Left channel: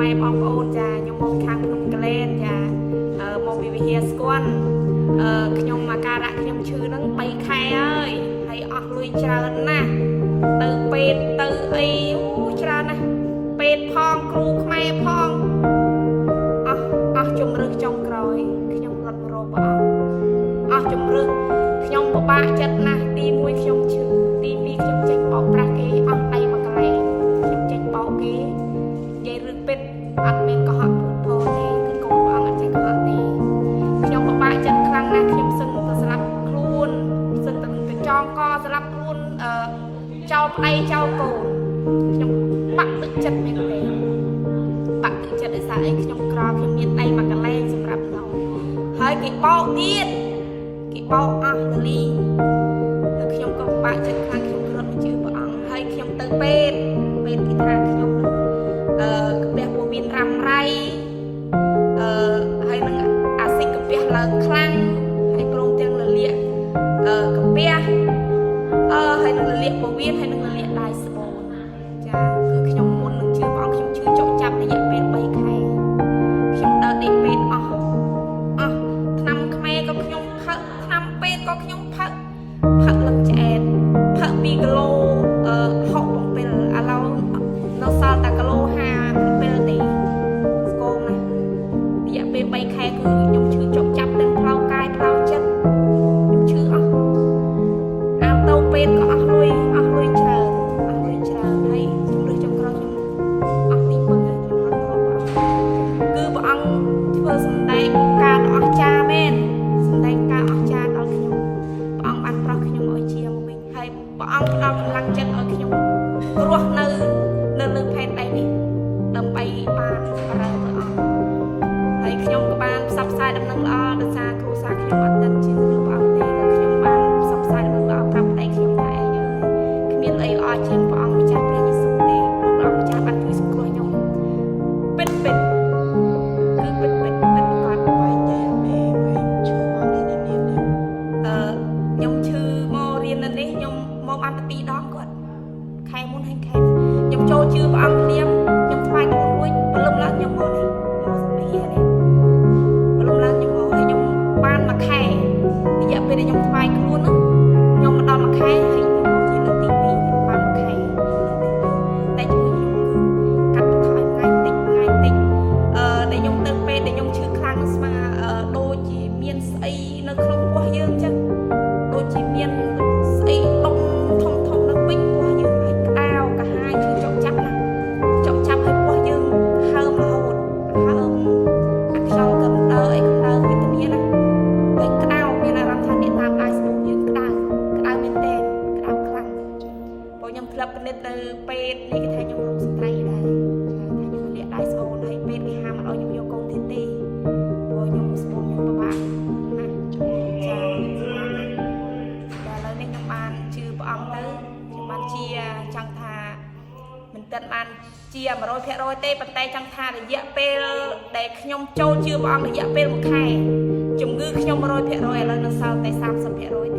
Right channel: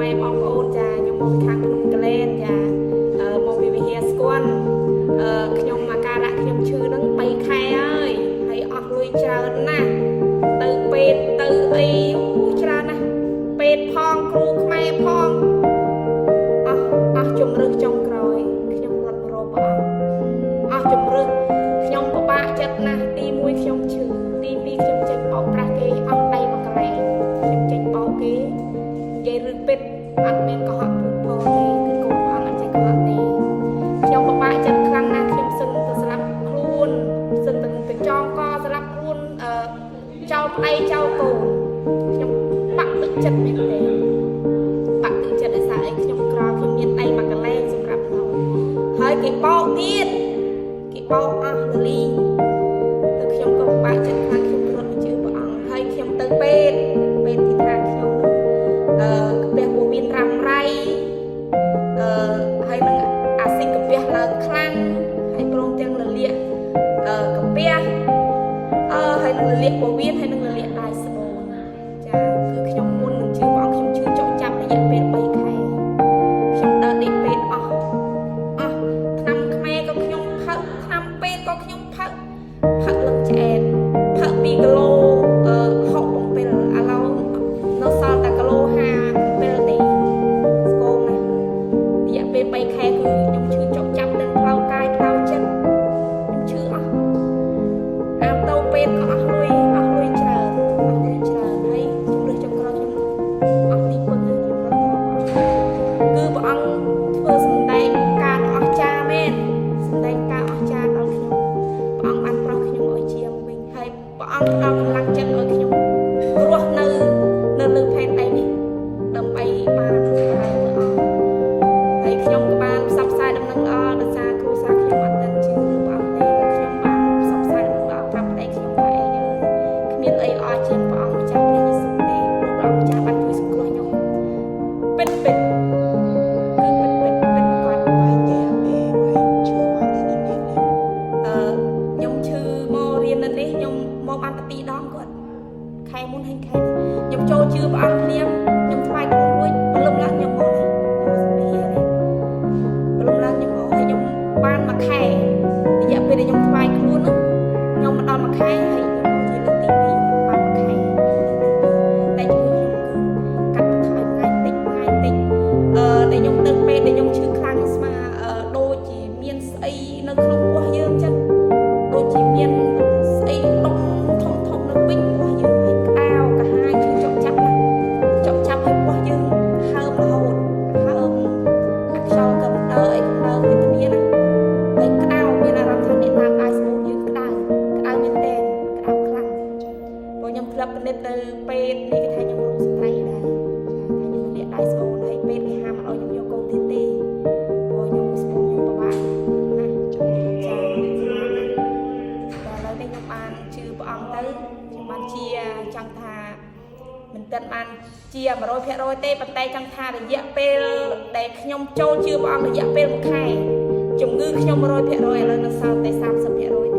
ម៉ែបងប្អូនចាខ្ញុំមកខាងភ្នំកលែនចាមកពីវិហារស្គាល់ខ្ញុំអាការៈខ្ញុំឈឺហ្នឹង3ខែហើយហើយអស់លុយច្រើនណាស់ទៅពេទ្យទៅអីច្រើនណាស់ពេទ្យផងគ្រូខ្មែរផងអស់ជំរឹះចុងក្រោយខ្ញុំរត់រកព្រះអង្គអស់ជំរឹះខ្ញុំពិបាកចិត្តណាស់ទី1ខ្ញុំឈឺទី2ខ្ញុំចេញបោកប្រាស់គេអស់ដៃមួយកន្លែងខ្ញុំចេញបោកគេនិយាយរឿងពេទ្យអត់មានកុហកពូតពោទេគឺកូនព្រះអង្គអត់ចេះកុហកទេខ្ញុំពិបាកចិត្តខ្លាំងណាស់ខ្ញុំសឹងទៅស្លាប់ខ្លួនសឹងទៅចងកស្លាប់ខ្លួនចោលប្តីចោលកូនខ្ញុំបាក់ទឹកចិត្តមែនទេបាក់ទឹកចិត្តដោយសារអីខ្ញុំក្រខ្ញុំមានដៃមួយកន្លែងសម្រាប់នោះហើយគេបោកទៀតគេបោកអស់លីងតែខ្ញុំក៏បាក់ចិត្តខ្លាំងខ្ញុំរត់មកជឿព្រះអង្គហើយខ្ញុំទៅពេទ្យគេថាខ្ញុំកាពះពោះវៀនរ៉ាំរ៉ៃហើយនឹងអាស៊ីតកាពះឡើងខ្លាំងហើយព្រមទាំងលលាកកាពះហើយនឹងលលាកពោះវៀនហើយនឹងលលាកដៃស្បូនចាគឺខ្ញុំមុននឹងជឿព្រះអង្គខ្ញុំជឿចុកចាប់រយៈពេល3ខែខ្ញុំដើរដេកពេទ្យអស់ឆ្នាំខ្មែរក៏ខ្ញុំផឹកឆ្នាំពេទ្យក៏ខ្ញុំផឹកលឹងឆ្អែតផឹក2គីឡូ67ឥឡូវនៅសល់តែគីឡូ57ទេស្គមណាស់រយៈពេល3ខែគឺខ្ញុំឈឺចុកចាប់ទាំងផ្លូវកាយផ្លូវចិត្តខ្ញុំឈឺអស់អាទៅពេទ្យក៏អស់លុយច្រើនហើយជំរឿចុងក្រោយខ្ញុំអស់ទីពឹងហើយខ្ញុំរត់រកព្រះអង្គគឺព្រះអង្គធ្វើសម្ដែងការអស្ចារ្យមែនសម្ដែងការអស្ចារ្យដល់ខ្ញុំព្រះអង្គបានប្រោះខ្ញុំឲ្យជាមកវិញហើយព្រះអង្គផ្ដល់កម្លាំងចិត្តឲ្យខ្ញុំរស់នៅលើផែនដីនេះដើម្បីបានបរិយាព្រះអង្គហើយខ្ញុំក៏បានផ្សព្វផ្សាយដំណឹងល្អដោយសារគ្រួសារខ្ញុំអត់ទាន់ជឿលើព្រះអង្គទេក៏ខ្ញុំបានផ្សព្វផ្សាយដំណឹងល្អប្រាប់ប្តីខ្ញុំថាឯងគ្មានអីល្អជាងព្រះអង្គម្ចាស់ព្រះយេស៊ូវទេព្រោះព្រះអង្គម្ចាស់បានជួយសង្គ្រោះខ្ញុំពិតប្រកបខ្ញុំឈឺមករៀននៅនេះខ្ញុំមកបានតែ2ដងគាត់ខែមុនហើយខែនេះខ្ញុំចូលជឿព្រះអង្គភ្លាមខ្ញុំថ្វាយខ្លួនរួចព្រលឹមឡើងខ្ញុំមកនេះមកវិហារនេះព្រលឹមឡើងខ្ញុំមកហើយខ្ញុំបានមួយខែរយៈពេលដែលខ្ញុំថ្វាយខ្លួនហ្នឹងខ្ញុំមកដល់មួយខែហើយខ្ញុំមកជាលើកទី2បានមួយខែតែជំងឺខ្ញុំគឺកាត់បន្ថយថ្ងៃតិចដែលខ្ញុំទៅពេទ្យដែលខ្ញុំឈឺខ្លាំងស្មាដូចជាមានស្អីនៅក្នុងពោះយើងអញ្ចឹងដូចជាមានស្អីដុំធំនៅពេញពោះយើងហើយក្តៅកាហាយឈឺចុកចាប់ណាចុកចាប់ឲ្យពោះយើងហើមរហូតហើមអាខ្យល់កម្ដៅអីកម្ដៅវេទនាណាហើយក្តៅមានអារម្មណ៍ថាអ្នកតាមដៃស្បូនយើងក្តៅមែនទែនក្តៅខ្លាំងព្រោះខ្ញុំធ្លាប់ពិនិត្យនៅពេទ្យនេះគេថាខ្ញុំរោគស្ត្រីដែរចាថាខ្ញុំលាកដៃស្បូនហើយពេទ្យគេហាមអត់ឲ្យខ្ញុំយកកូនទៀតទេព្រោះខ្ញុំស្បូនខ្ញុំពិបាកណាចាតែឥឡូវនេះខ្ញុំបានជឿព្រះអង្គទៅខ្ញុំបានជាចង់ថាមិនទាន់បានជា 100%ទេប៉ុន្តែចង់ថារយៈពេលដែលខ្ញុំចូលជឿព្រះអង្គរយៈពេល1ខែជំងឺខ្ញុំ 100% ឥឡូវនៅសល់តែ 30%